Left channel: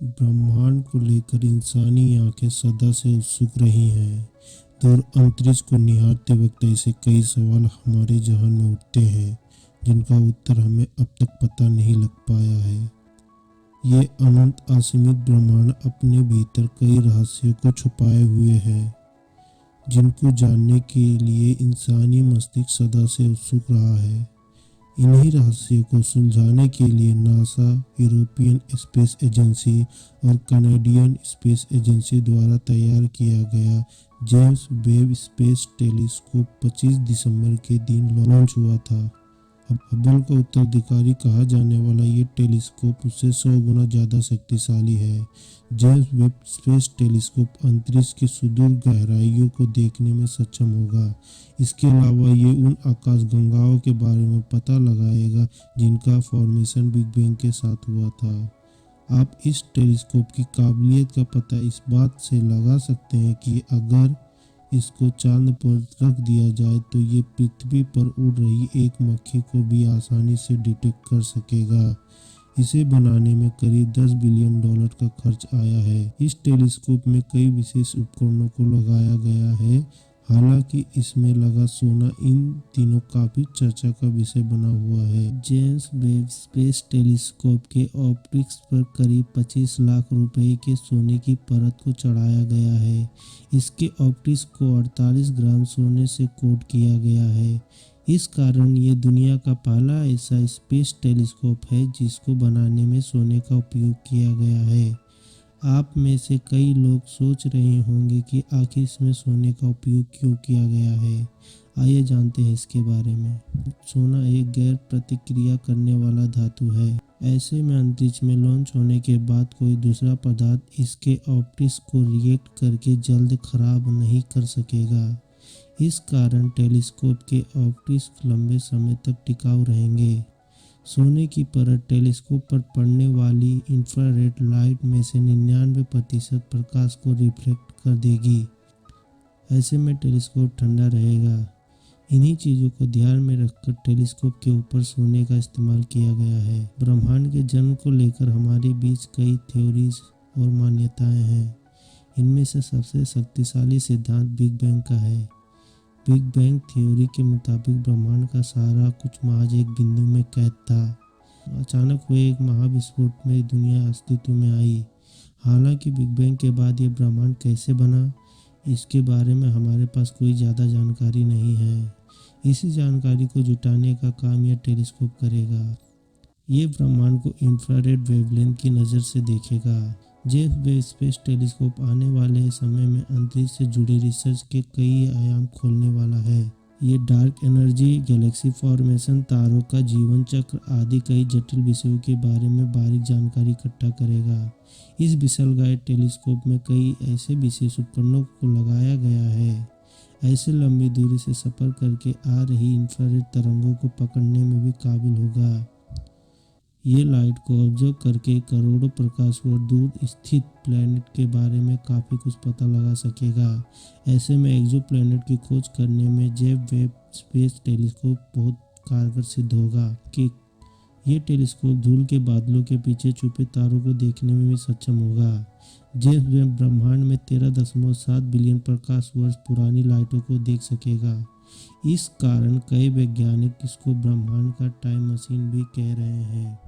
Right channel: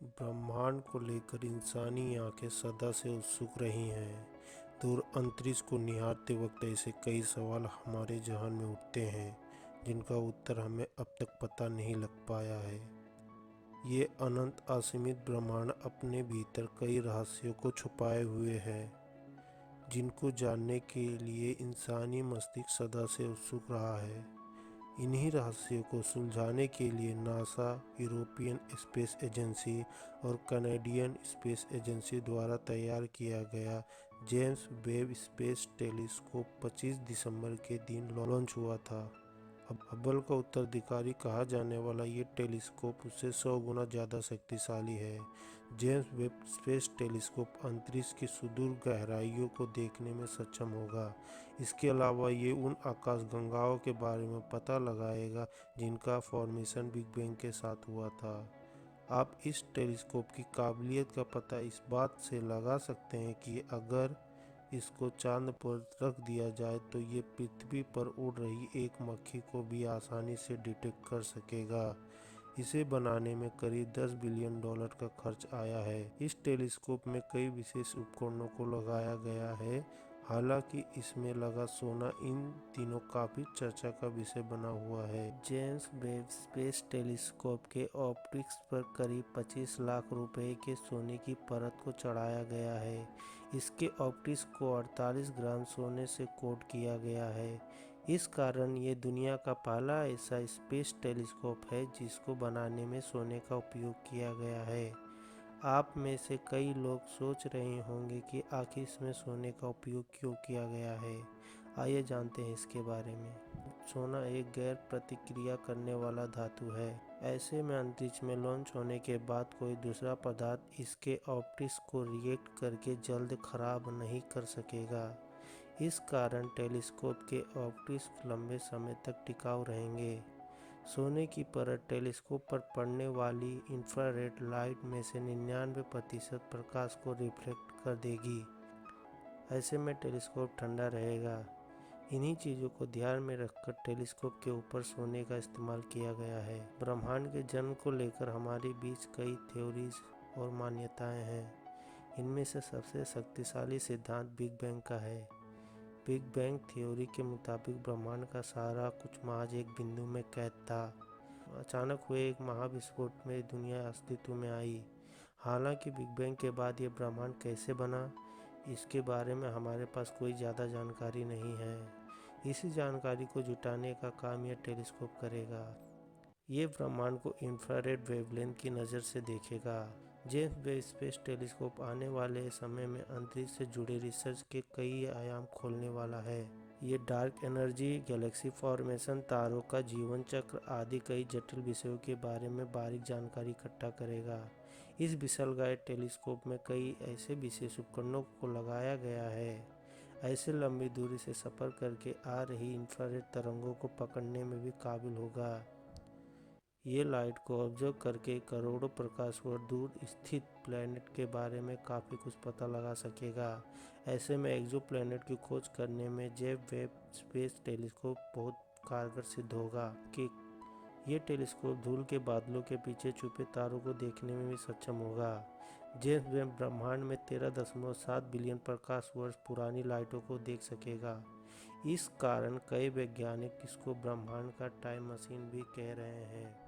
ब्रह्मांड को लेकर इंसानी आंखें सदा से उत्सुक रही हैं। दूर अंतरिक्ष को निहारते वक्त ऐसे कई सवाल हमारे जहन में उठते हैं जिनका उत्तर हमें अब तक पता नहीं लग पाया है। ये अनंत असीमित ब्रह्मांड अपने भीतर कई रहस्यों को छुपाए हुए है, जिनको जानने के लिए इंसानी मस्तिष्क सदा से उत्सुक रहा है। इन्हीं रहस्यों को सुलझाने के लिए नासा, यूरोपियन स्पेस एजेंसी और कनाडियन स्पेस एजेंसी द्वारा तैयार किया गया जेम्स वेब स्पेस टेलीस्कोप 25 दिसंबर के दिन लॉन्च हुआ था। हबल का उत्तराधिकारी कहा जाने वाला ये टेलीस्कोप उससे 100 गुना ज़्यादा शक्तिशाली है। जेम्स वेब स्पेस टेलीस्कोप अंतरिक्ष की सुदूर गहराइयों को देखने में सक्षम होगा। इसके अलावा ये उन आकाशगंगाओं के बारे में पता लगाएगा जिनका फॉर्मेशन बिग बैंग के साथ हुआ था। आप इस टेलीस्कोप की काबिलियत का पता इस बात से लगा सकते हैं कि अगर इसको चांद पर रख दिया जाए तो ये पृथ्वी पर उड़ रही एक मक्खी को भी आसानी से डिटेक्ट कर सकेगा। इसे बनाने में करीब $10 बिलियन का खर्च आया है। इस टेलीस्कोप में कई विशेष उपकरणों को लगाया गया है। हालांकि इसमें लगा सोना इन दिनों काफी चर्चा का विषय बना हुआ है। जेम्स वेब स्पेस टेलीस्कोप के ऑप्टिक्स पर करीब 25 लाख रुपए के सोने की परत को चढ़ाया गया है। इसके ऑप्टिक्स को 48 ग्राम सोने से कोट किया गया है। इस कारण ये दुनिया का पहला ऐसा स्पेस टेलीस्कोप है जिसको बनाने में सोने का उपयोग किया गया है। आप में से कई लोग सोच रहे होंगे कि आखिर इसमें सोने का उपयोग क्यों किया गया है। आइए जानते हैं इसके बारे में। सोना एक गैर प्रतिक्रिया करने वाला धातु है। ऐसे में अंतरिक्ष में लॉन्च होने के बाद कोई दूसरा पदार्थ इसके ऑप्टिक्स को रिएक्ट करके जल्द खराब नहीं कर सकेगा। इस कारण टेलीस्कोप के ऑप्टिक्स लंबे समय तक टिकाऊ रहेंगे। सोने की परत टेलीस्कोप पर पड़ने वाली इंफ्रारेड लाइट में से 99% प्रकाश को रिफ्लेक्ट कर देगी। ऐसे में टेलीस्कोप ठंडा रहेगा। इन्हीं चीज़ों को ध्यान में रखकर टेलीस्कोप के ऊपर सोने का इस्तेमाल किया गया है। ब्रह्मांड के जन्म को लेकर हमारे बीच कई थ्योरीज और मान्यताएं हैं। इनमें से सबसे शक्तिशाली सिद्धांत बिग बैंग का है। बिग बैंग थ्योरी के मुताबिक ब्रह्मांड का सारा कुछ महज एक बिंदु में कैद था। अचानक हुए एक महाविस्फोट में दुनिया अस्तित्व में आई। हालांकि बिग बैंग के बाद ये ब्रह्मांड कैसे बना, इसके बारे में हमारे पास कोई ज़्यादा जानकारी नहीं है। इसी जानकारी को जुटाने का काम यह टेलीस्कोप करेगा। ये ब्रह्मांड को इंफ्रारेड वेवलेंथ की नज़र से देखेगा। जेम्स वेब स्पेस टेलीस्कोप आने वाले समय में अंतरिक्ष से जुड़े रिसर्च के कई आयाम खोलने वाला है। ये डार्क एनर्जी, गैलेक्सी फॉर्मेशन, तारों का जीवन चक्र आदि कई जटिल विषयों के बारे में बारीक जानकारी इकट्ठा करेगा। इस विशालकाय टेलीस्कोप में कई ऐसे विशेष उपकरणों को लगाया गया है। ऐसे लंबी दूरी से सफ़र करके आ रही इंफ्रारेड तरंगों को पकड़ने में भी काबिल होगा। ये लाइट को ऑब्जर्व करके करोड़ों प्रकाश वर्ष दूर स्थित प्लैनेट के बारे में काफ़ी कुछ पता लगा सकेगा। ऐसे में एक्सोप्लैनेट की खोज करने में जेम्स वेब स्पेस टेलीस्कोप बहुत कारगर सिद्ध होगा। कि ये टेलीस्कोप धूल के बादलों के पीछे छुपे तारों को देखने में भी सक्षम होगा। जेम्स वेब ब्रह्मांड में 13.7 बिलियन प्रकाश वर्ष पुरानी लाइटों को देख सकेगा। इस कारण कई वैज्ञानिक इसको ब्रह्मांड का टाइम मशीन भी कह रहे हैं।